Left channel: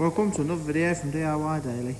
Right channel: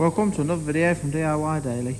Welcome to another video from DIY Daily.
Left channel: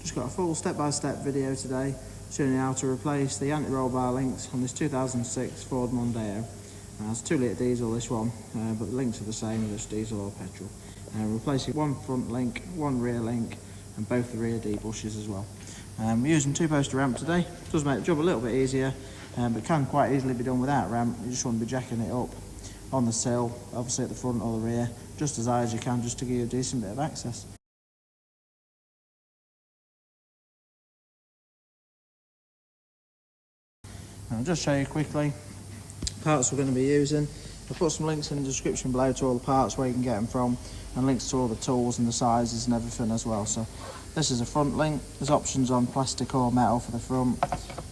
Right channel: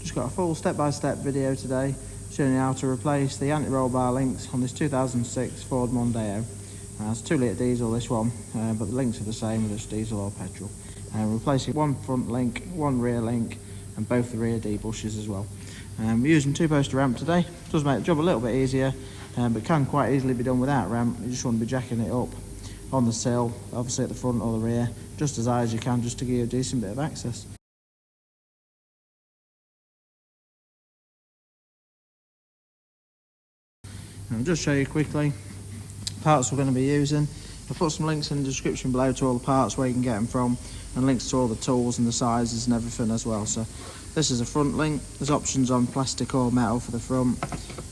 Just got a full step-by-step video today showing you how to replace the anti-roll bar links on this 2006 Ford Mondeo. It's a 2 litre diesel, this one, but the links are the same, whether it's diesel or petrol. Replacing one front link, one rear link, and both the rear D-bushes as well. We're using 2-poster ramp today. Does make the job a little bit easier, but can quite easily be done without ramp. You just want to be jacking it up on the sill, obviously at the front or the rear, just as high as you can, just to give you a decent bit of access. I'll just show you quickly parts we're going to be using. I'll put some links in the description below to all the parts where you can get them from, and links to all the tools and the sizes and everything as well. So this is a front link. There's options on plastic or metal for the front.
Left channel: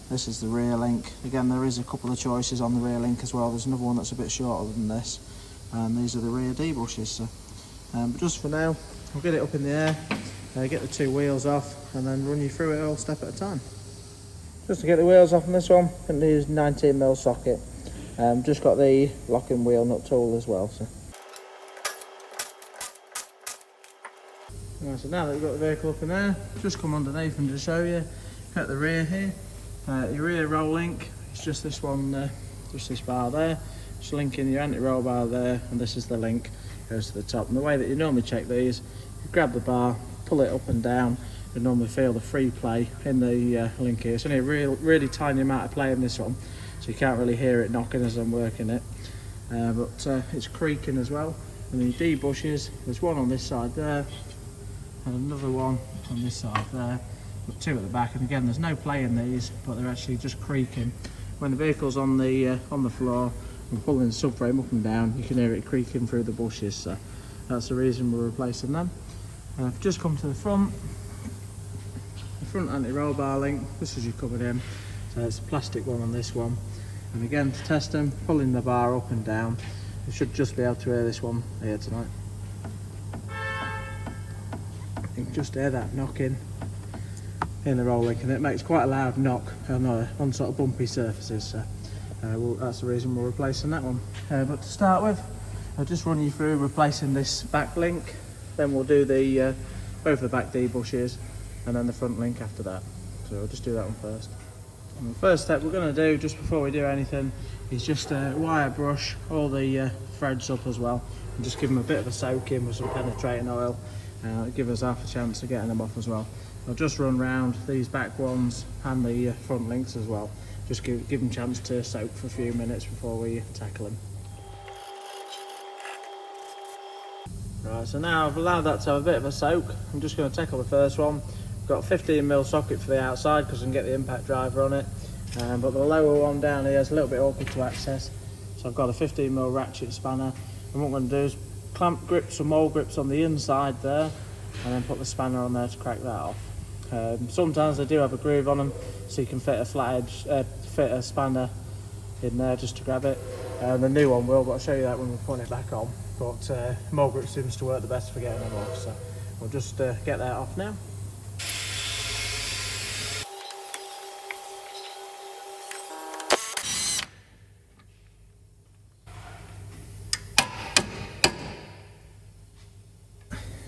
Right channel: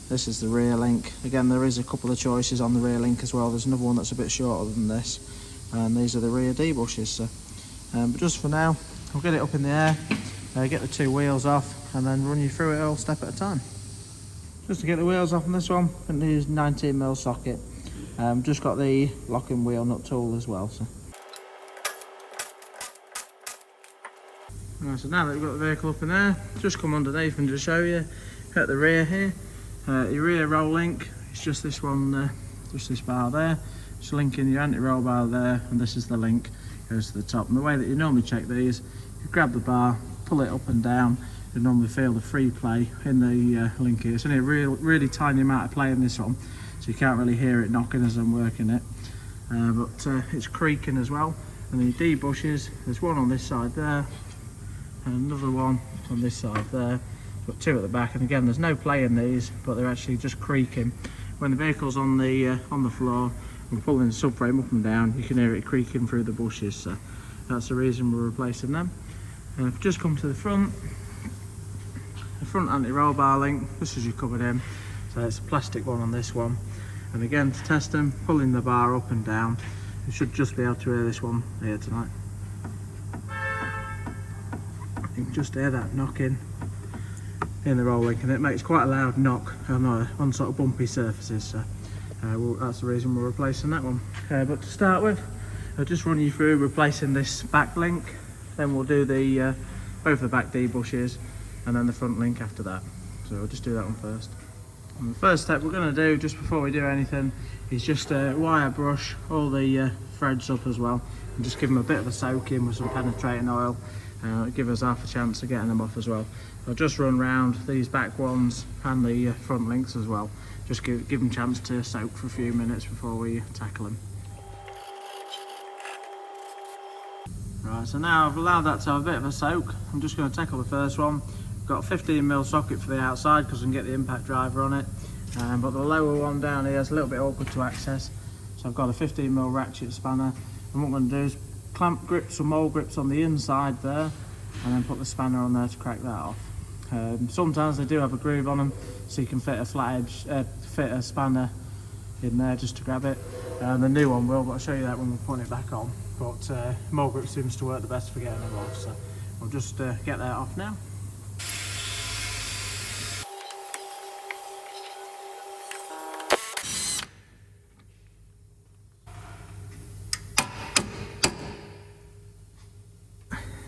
This is the rear link. Again, there is a couple of choices on the rear link as well. There's another one that's a bit shorter than this, and these are the rear D bushes. So but just for now, I'll get it up in the air, get the 2 wheels off, and then run you through it all step at a time. Just to get the wheels off on this one, I'm going to use 19mm socket. Just got the locking wheel nut tool as well. So now that we've got the vehicle up in there, just come underneath and just show you at the rear here. Your rear roll link is just this one, just this bar there. Just linking your anti-roll bar there, and this is the link, goes to the top. And the way that you normally check these, you grab the bar, pull it up and down. You normally feel the free play in the link here. It's only a really tiny amount of play in this one, so you can't really hear it knocking as I'm working it. But it's creaking as well. And the D bushes, there's one on this side there, and another one on this side there. Got 2 at the back, and again, there's no play in these, but they're actually just creaking. When the vehicle's on the floor and pulling the subframe up and down, you can hear it creaking through the bushes. So that's the reason we're replacing them. And I've just come to the front. The front anti-roll bar link, this is your covered in, so it's a plastic one on this one. And again, to test them, pulling the bar up and down, you should just be able to hear this one here tonight. You can just hear that knocking in the roll link, and it makes quite a loud knock on sort of bumpy surfaces. So that's the reason we're replacing that one. But to start with, I'll just run you through replacing this back link. Then we'll do the both the back D bushes, and then the front link after that. So we'll just do that one first. And the first step we're going to do, just before we do anything, is just wire brush all the threads up as well, and just give them a bit of a soak in with some penetrating oil. Give us half a chance of getting them off as well. So just run round these back ones and the front links as well. Just give them a chance to soak for a few minutes before we tackle them. Right, so now I've allowed that to have a bit of a soak. I'm just going to tackle the first one. Got a 15mm socket for the outside because I can get the impact driver on it, but the lower one down here is a little bit awkward to access, so I've got a 15mm ratchet spanner, and what I'm going to do is clamp grips or mole grips on the inside there, and then put the spanner on there to crack that off. Sometimes they do have a groove on them, so you can fit a flat edge, fit a spanner in there just to grab it. The new one will, but I'll show you that when we put it back on. But mole grip seems to work the best for getting them off, so we'll just get that off now.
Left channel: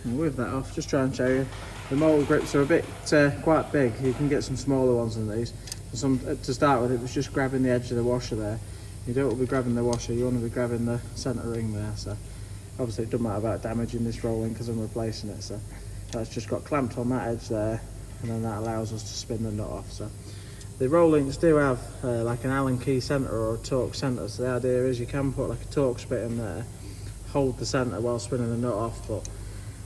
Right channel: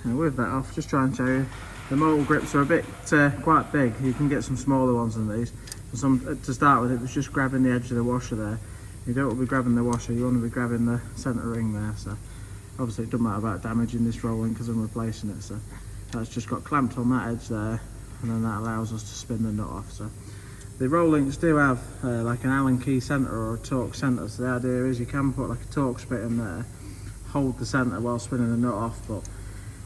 And with that off, just try and show you, the mole grips are a bit quite big. You can get some smaller ones than these. To start with, it was just grabbing the edge of the washer there. You don't want to be grabbing the washer, you want to be grabbing the centre ring there. So obviously it doesn't matter about damaging this rolling because I'm replacing it. So that's just got clamped on that edge there, and then that allows us to spin the nut off. So the roll links do have like an Allen key centre or a torque centre. So the idea is you can put like a torque spit in there, hold the centre while spinning the nut off, but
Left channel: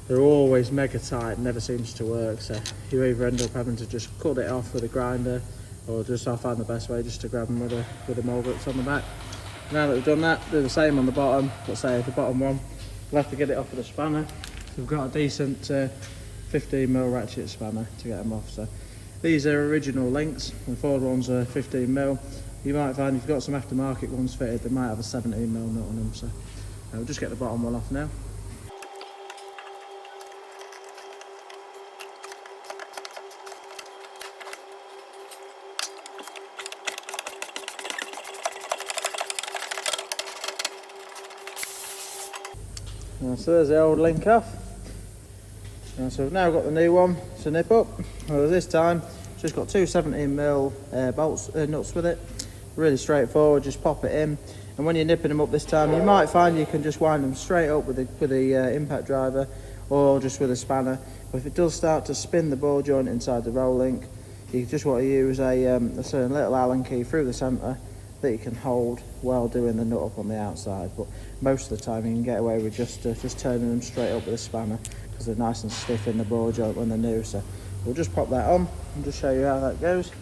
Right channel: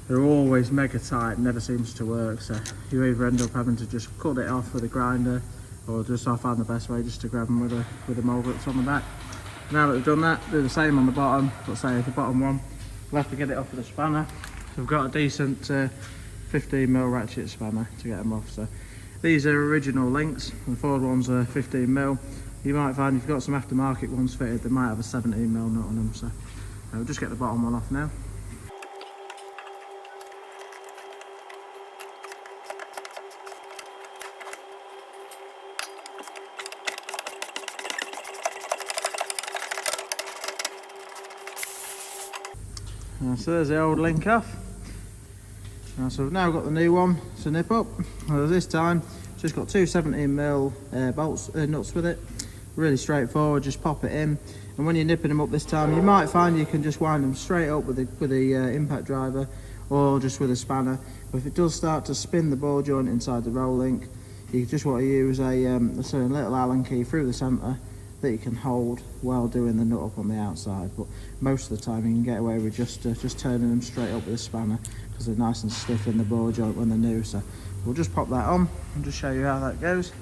they're always mega tight and never seems to work. So you either end up having to just cut it off with a grinder, or just I find the best way just to grab them with the mole grips on the back. Now that we've done that, do the same on the bottom. Let's say the bottom one, we'll have to get it off with a spanner. We've got a decent 15mm ratchet spanner to get them off. So these are original links, the Ford ones are 15mm. You might find if you've got some aftermarket ones fitted, they might have a 17mm nut on them. So we'll just get the bottom one off now. So there's the old link off. So we've now got the new one to nip up. Well, this time it's just got two 17mm bolts, nuts with it. Really straightforward, just pop it in. And when you're nipping them up this time, you might find you can just wind them straight up with the impact driver, or just with a spanner. But if it does start to spin the ball joint inside the roll link, you just want to use a certain little Allen key through the centre that you can hold while doing the nut up on the outside. But most of the time you can get away with just turning them straight up with a spanner, because they're nice and stiff in the ball joint when they're new. So we'll just pop that on and just show you how that goes.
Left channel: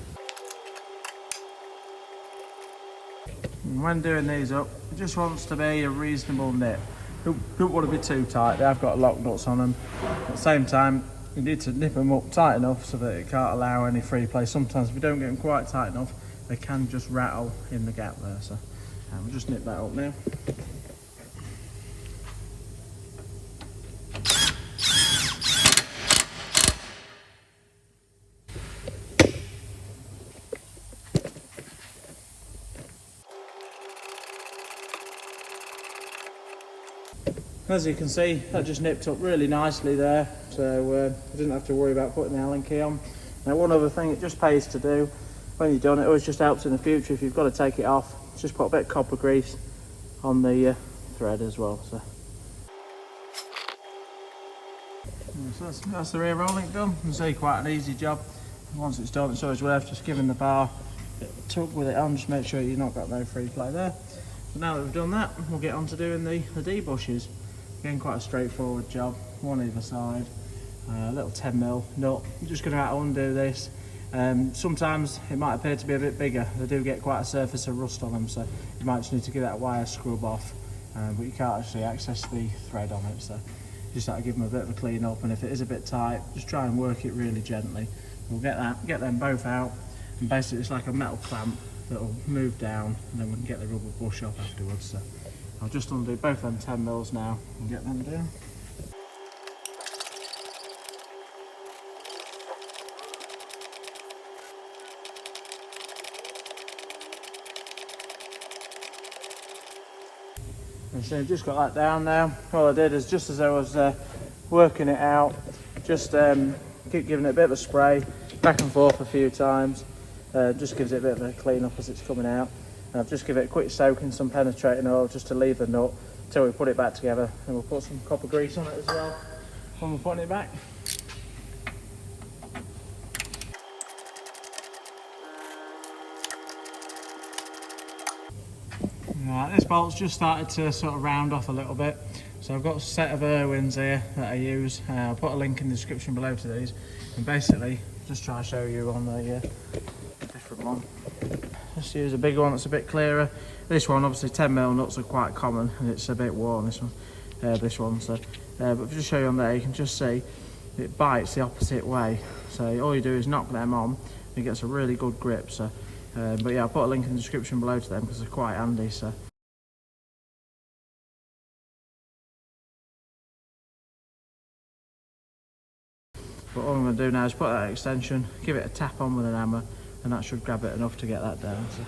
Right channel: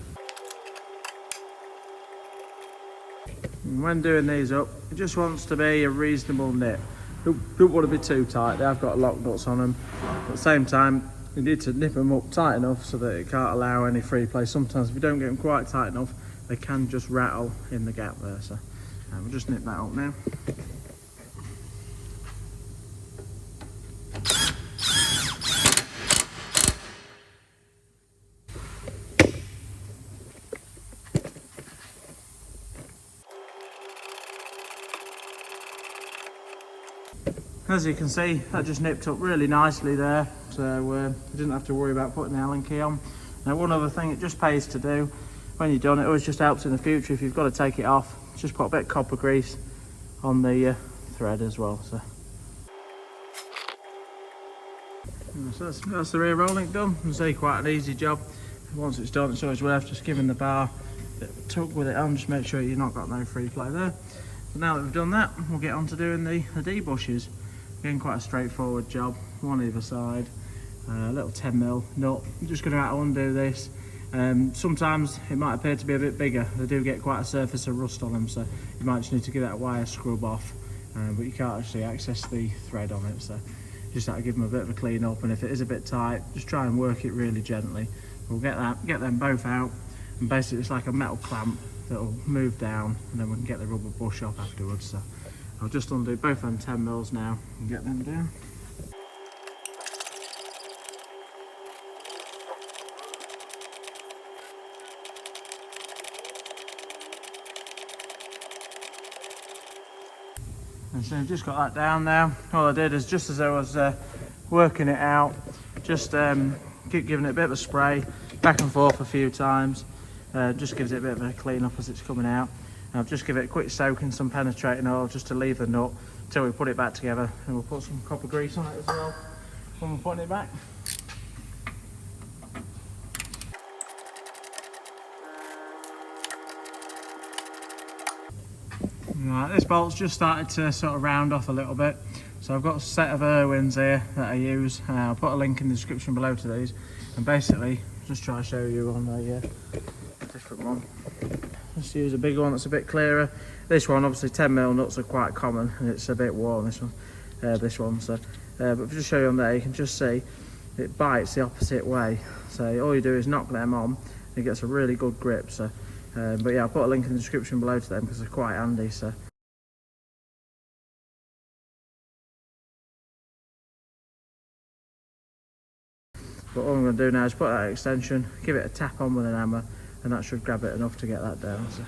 And when doing these up, it just wants to be a reasonable nip. Don't want to be too tight. They've got lock nuts on them. At the same time, you need to nip them up tight enough so that it can't allow any free play. Sometimes if you don't get them quite tight enough, they can just rattle in the gap there. So we'll just nip that up now. As you can see, that just nipped up really nicely there, so you didn't have to worry about putting the Allen key on. Now, one other thing it just pays to do when you're done, it always just helps in the future if you've got to take it off, just put a bit of copper grease on the thread as well. So that's the rear roll link done. You can see quite an easy job. Once it's done, it's always worth just giving the bar a bit of a tug with it on, just make sure you've not got no free play there. So now that we've done that, we'll get on to doing the D-bushes. Again, quite a straightforward job, one either side, a little 10mm nut. You're just going to have to undo this. Sometimes it might appear to be a bit bigger. They do get quite a surface of rust on them, so you might just need to give that wire scrub off, but you can't actually access the thread on it, so you just have to give them a bit of a clean up. And if it is a bit tight, just try and work it really gently. We'll get them both out, and basically it's like a metal clamp that'll move down, and then we can get the rubber bush off afterwards. So I'll just undo both them 10mm now and get them down. And so I've just got that down now. All I did is, just as I was working it out, just keep giving it a bit of a spray, back and forth a few times. Just gives it a bit of a clean up as it's coming out. And I'll just give it a quick soak in some penetrating oil just to leave the nut until we put it back together, and we'll put some copper grease on it as well when we're putting it back. Right, this bolt's just started to sort of round off a little bit, so I've got a set of Irwins here that I use. I'll put a link in the description below to these, and basically just try to show you on the different one. Just use a bigger one that's a bit clearer. This one, obviously 10mm nuts are quite common, and it's a bit worn, this one. So, but if I just show you on there, you can just see it bites the opposite way. So all you do is knock them on, and it gets a really good grip. So, but yeah, I'll put a link in the description below to them because they're quite handy. So. But all I'm going to do now is put that extension, give it a tap on with an hammer, and that should grab it enough to get that down. So.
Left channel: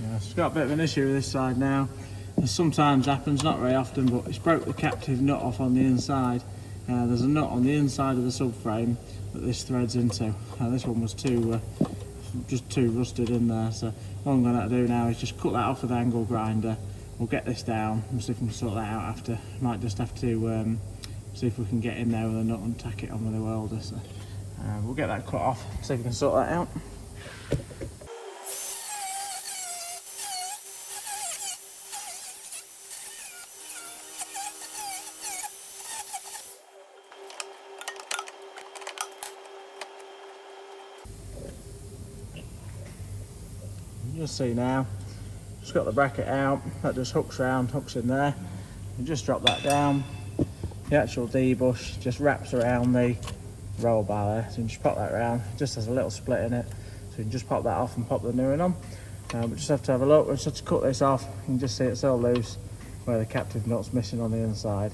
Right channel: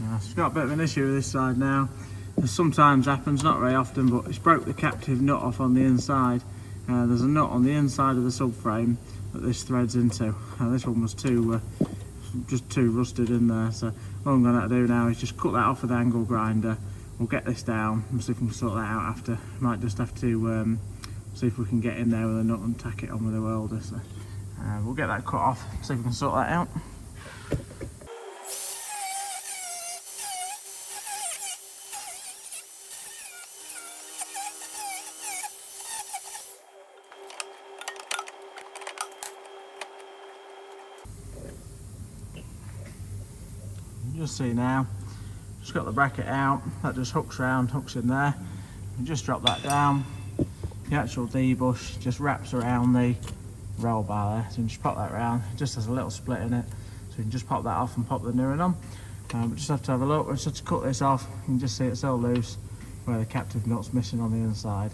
Yeah, it's got a bit of an issue with this side now. This sometimes happens, not very often, but it's broke the captive nut off on the inside. There's a nut on the inside of the subframe that this threads into. This one was just too rusted in there, so all I'm going to have to do now is just cut that off with the angle grinder. We'll get this down and see if we can sort that out after. Might just have to see if we can get in there with a nut and tack it on with a welder. So we'll get that cut off, see if we can sort that out. You'll see now, just got the bracket out, that just hooks in there, and just drop that down. The actual D-bush just wraps around the roll bar there, so you can just pop that around. It just has a little split in it, so you can just pop that off and pop the new one on. But just have to have a look. We just have to cut this off. You can just see it's all loose where the captive nut's missing on the inside.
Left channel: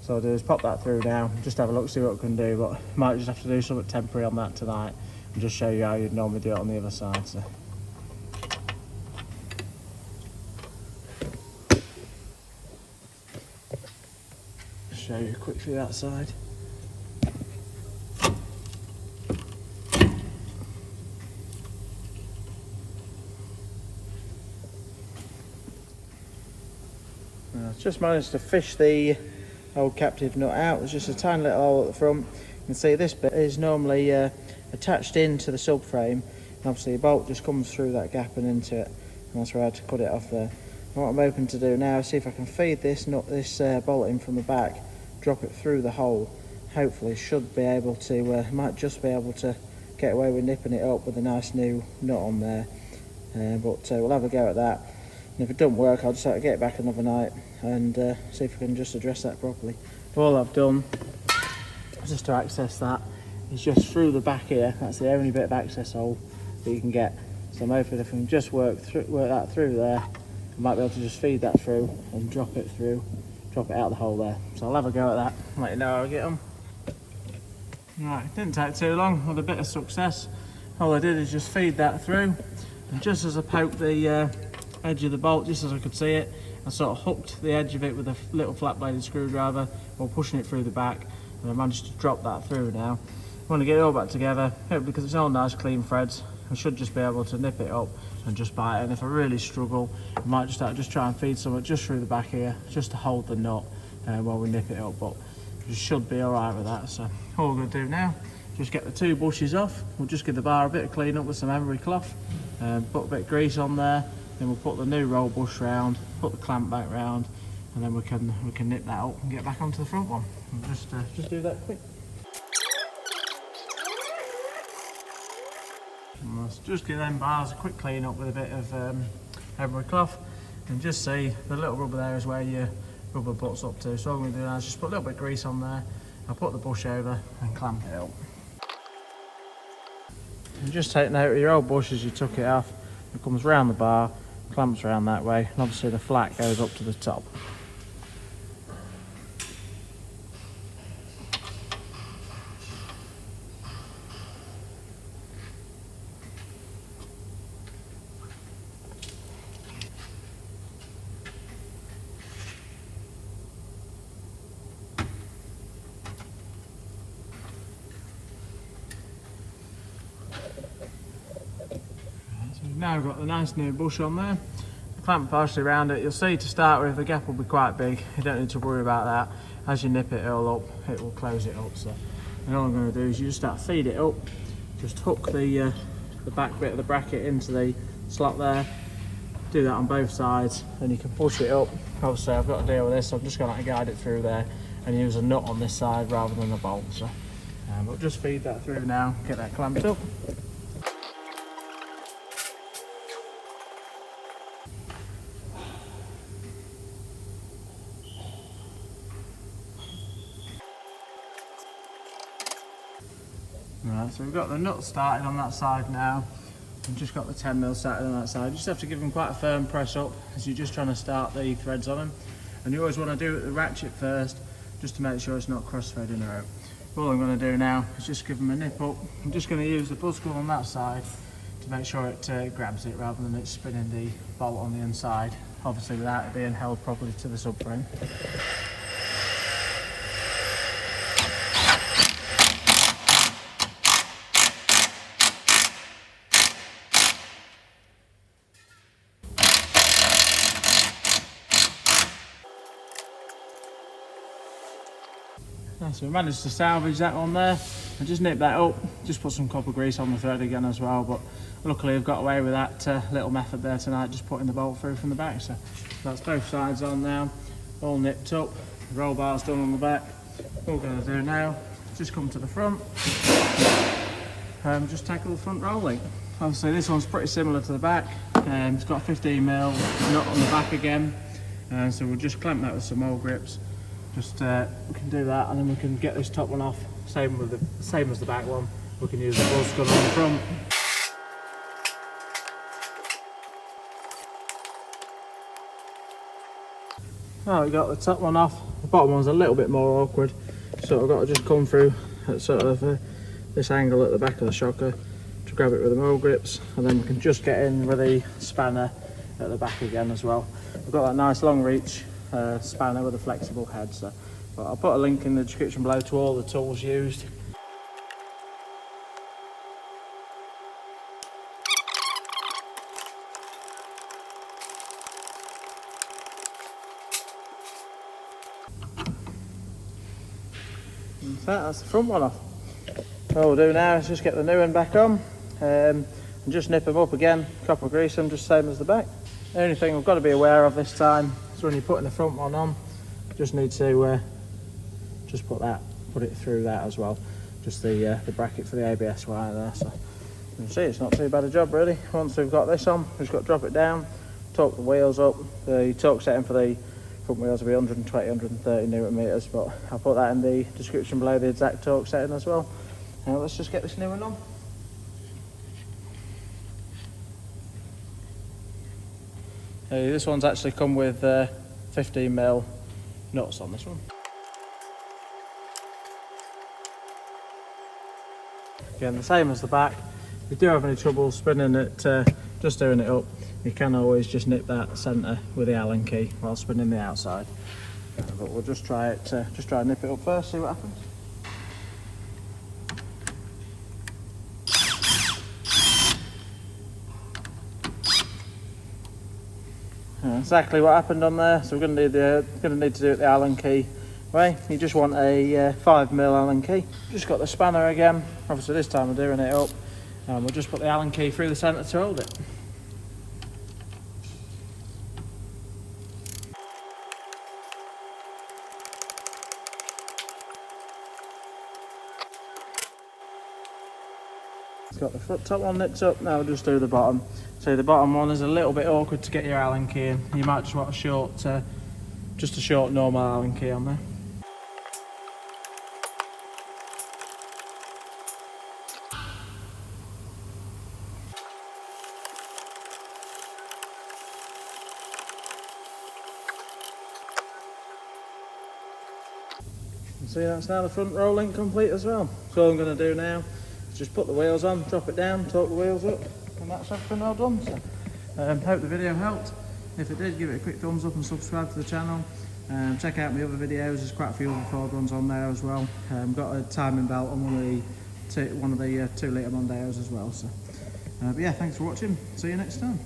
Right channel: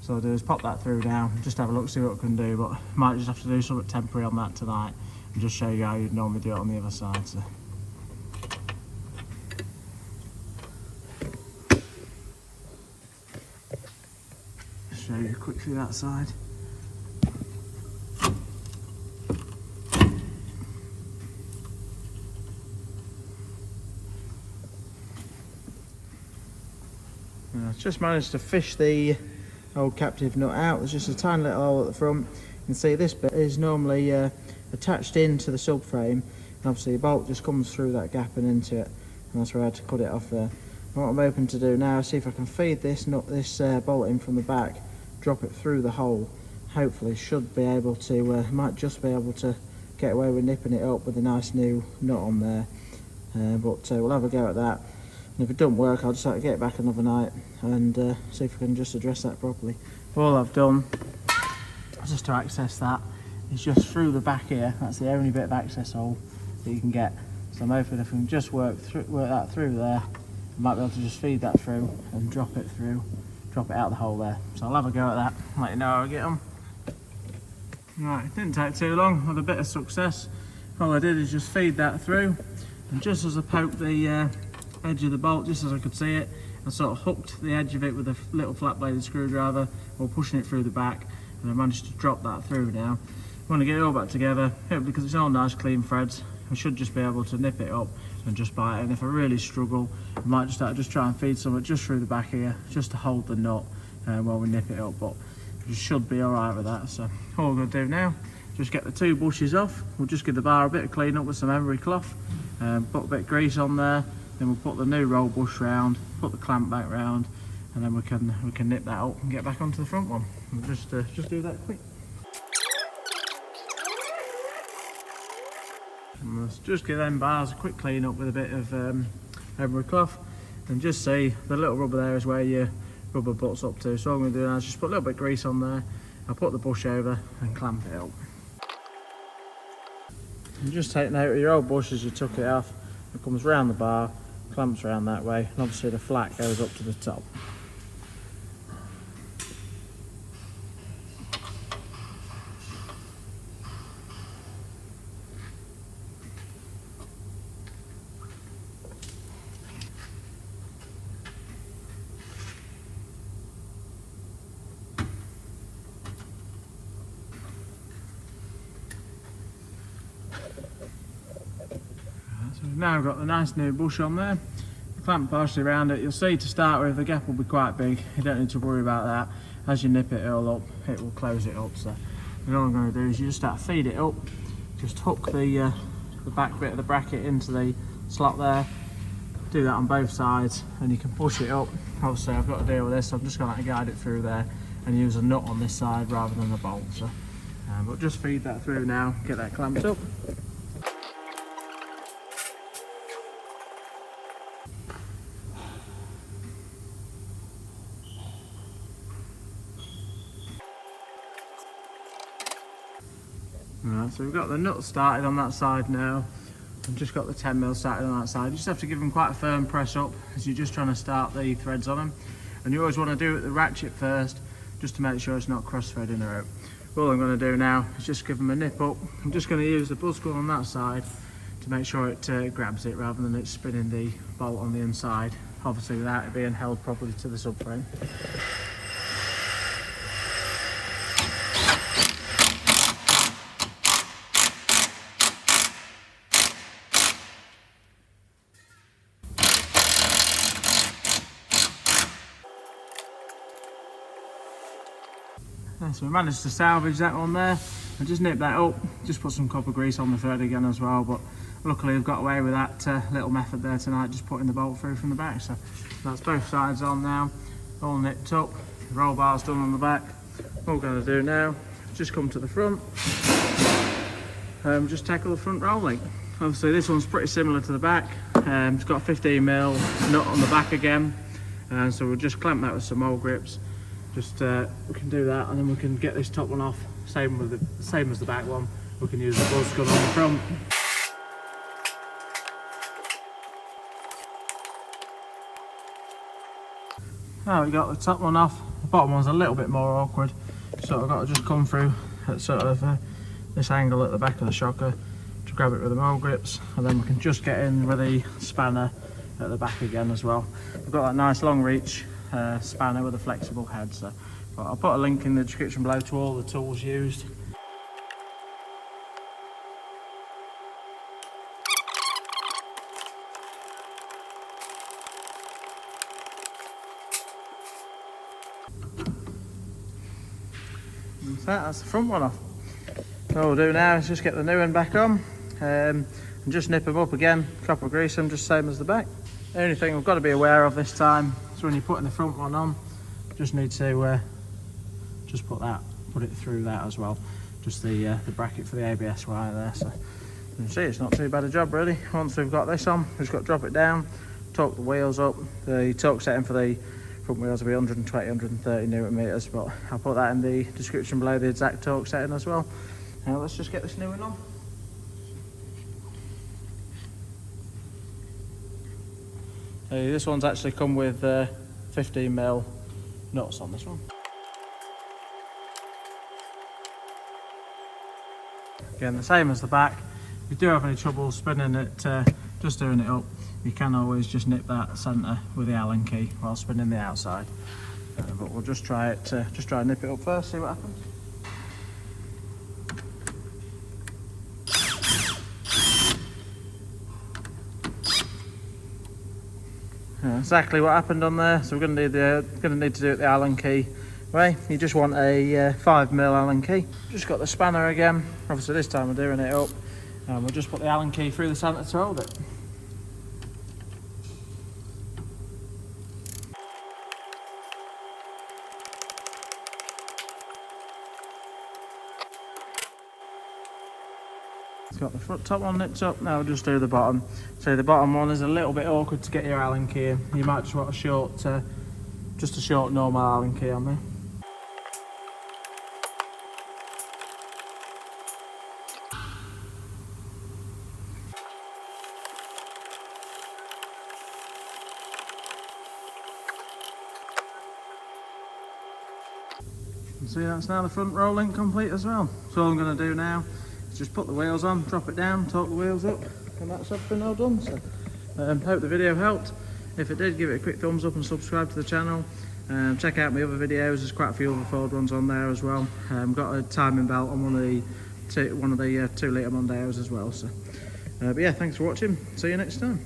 So I'll do is pop that through now, just have a look, see what we can do, but might just have to do something temporary on that tonight and just show you how you'd normally do it on the other side. So. show you quickly that side. Just managed to fish the old captive nut out. There's just a tiny little hole at the front. You can see this bit is normally attached into the subframe, and obviously the bolt just comes through that gap and into it, and that's where I had to cut it off there. And what I'm hoping to do now is see if I can feed this bolt in from the back, drop it through the hole. Hopefully should be able to, might just be able to get away with nipping it up with a nice new nut on there, but we'll have a go at that. And if it doesn't work, I'll just have to get it back another night and see if we can just address that properly. All I've done, just to access that, is just through the back here. That's the only bit of access hole that you can get. So I'm hoping if we can just work that through there, I might be able to just feed that through and drop it out the hole there. So I'll have a go at that, let you know how I get them. Right, it didn't take too long, with a bit of success. All I did is just feed that through, and just as I poked the edge of the bolt, just as I could see it, I sort of hooked the edge of it with a little flat bladed screwdriver while pushing it through the back, and I managed to drop that through now. I want to get it all back together, because it's all nice clean threads. I should just be able to nip it up and just bite it, and if I really struggle, I might just try and feed something just through the back here, just to hold the nut while we nip it up, but it should be alright with that. So all we're going to do now, just get the two bushes off. We'll just give the bar a bit of clean up with some emery cloth, put a bit of grease on there, then we'll put the new roll bush round, put the clamp back round, and then we can nip that up and get back onto the front one. We'll just do that quick. And let's just give them bars a quick clean up with a bit of emery cloth, and just see the little rubber there is where your rubber butts up to. So all I'm going to do now is just put a little bit of grease on there. I'll put the bush over and clamp it up. And just take note of your old bush as you took it off. It comes round the bar, clamps around that way, and obviously the flat goes up to the top. We've now got the nice new bush on there, the clamp partially around it. You'll see to start with the gap will be quite big, you don't need to worry about that. As you nip it all up, it will close it up. So, and all I'm going to do is you just start to feed it up, just hook the back bit of the bracket into the slot there, do that on both sides, and you can push it up. Obviously I've got to deal with this, so I'm just going to guide it through there and use a nut on this side rather than a bolt. So, but just feed that through now, get that clamped up. Right, so we've got the nuts started on that side now. I've just got the 10mm started on that side. You just have to give them quite a firm press up as you're just trying to start the threads on them. And you always want to do it the ratchet first, just to make sure it's not cross-threading the rope. All I'm going to do now is just give them a nip up. I'm just going to use the buzz gun on that side to make sure it grabs it rather than it spinning the bolt on the inside, obviously without it being held properly to the subframe. So we managed to salvage that one there and just nip that up, just put some copper grease on the thread again as well, but luckily I've got away with that little method there tonight, just putting the bolt through from the back. So that's both sides on now, all nipped up, roll bars done on the back. All we're going to do now is just come to the front and just tackle the front rolling. Obviously this one's pretty similar to the back, it's got a 15mm nut on the back again, so we'll just clamp that with some old grips. Just we can do that, and then we can get this top one off, same as the back one. We can use the buzz gun on the front. Now we got the top one off, the bottom one's a little bit more awkward, so I've got to just come through at sort of this angle at the back of the shocker to grab it with the mole grips, and then we can just get in with the spanner at the back again as well. We've got that nice long reach spanner with a flexible head, so But I'll put a link in the description below to all the tools used. That's the front one off. All we'll do now is just get the new one back on and just nip them up again, copper grease them just same as the back. The only thing we've got to be aware of this time is when you're putting the front one on, just need to just put it through that as well, just the bracket for the ABS wire there. So you can see it's not too bad a job really. Once we've got this on, we've just got to drop it down, torque the wheels up. The torque setting for the front wheels will be 120, 130 newton meters, but I'll put that in the description below, the exact torque setting as well. Now let's just get this new one on. This one's actually come with 15mm nuts on this one. Again, the same as the back. If you do have any trouble spinning it, just doing it up, you can always just nip that centre with the Allen key while spinning the outside. But we'll just try it, try and nip it up first, see what happens. Exactly what happened on there. So we're going to need to do it the Allen key way. You just want a 5mm Allen key. Just got the spanner again. Obviously this time we're doing it up, and we'll just put the Allen key through the centre to hold it. Got the front top one nipped up, now we'll just do the bottom. So the bottom one is a little bit awkward to get your Allen key in. You might just want a short, just a short normal Allen key on there. See, that's now the front roll link complete as well. So all I'm going to do now is just put the wheels on, drop it down, torque the wheels up, and that's everything all done. So hope the video helped. If it did, give it a quick thumbs up and subscribe to the channel. Check out my other videos, there's quite a few other Ford ones on there as well. Got a timing belt on one of the 2 litre Mondeos as well. So, but yeah, thanks for watching, see you next time.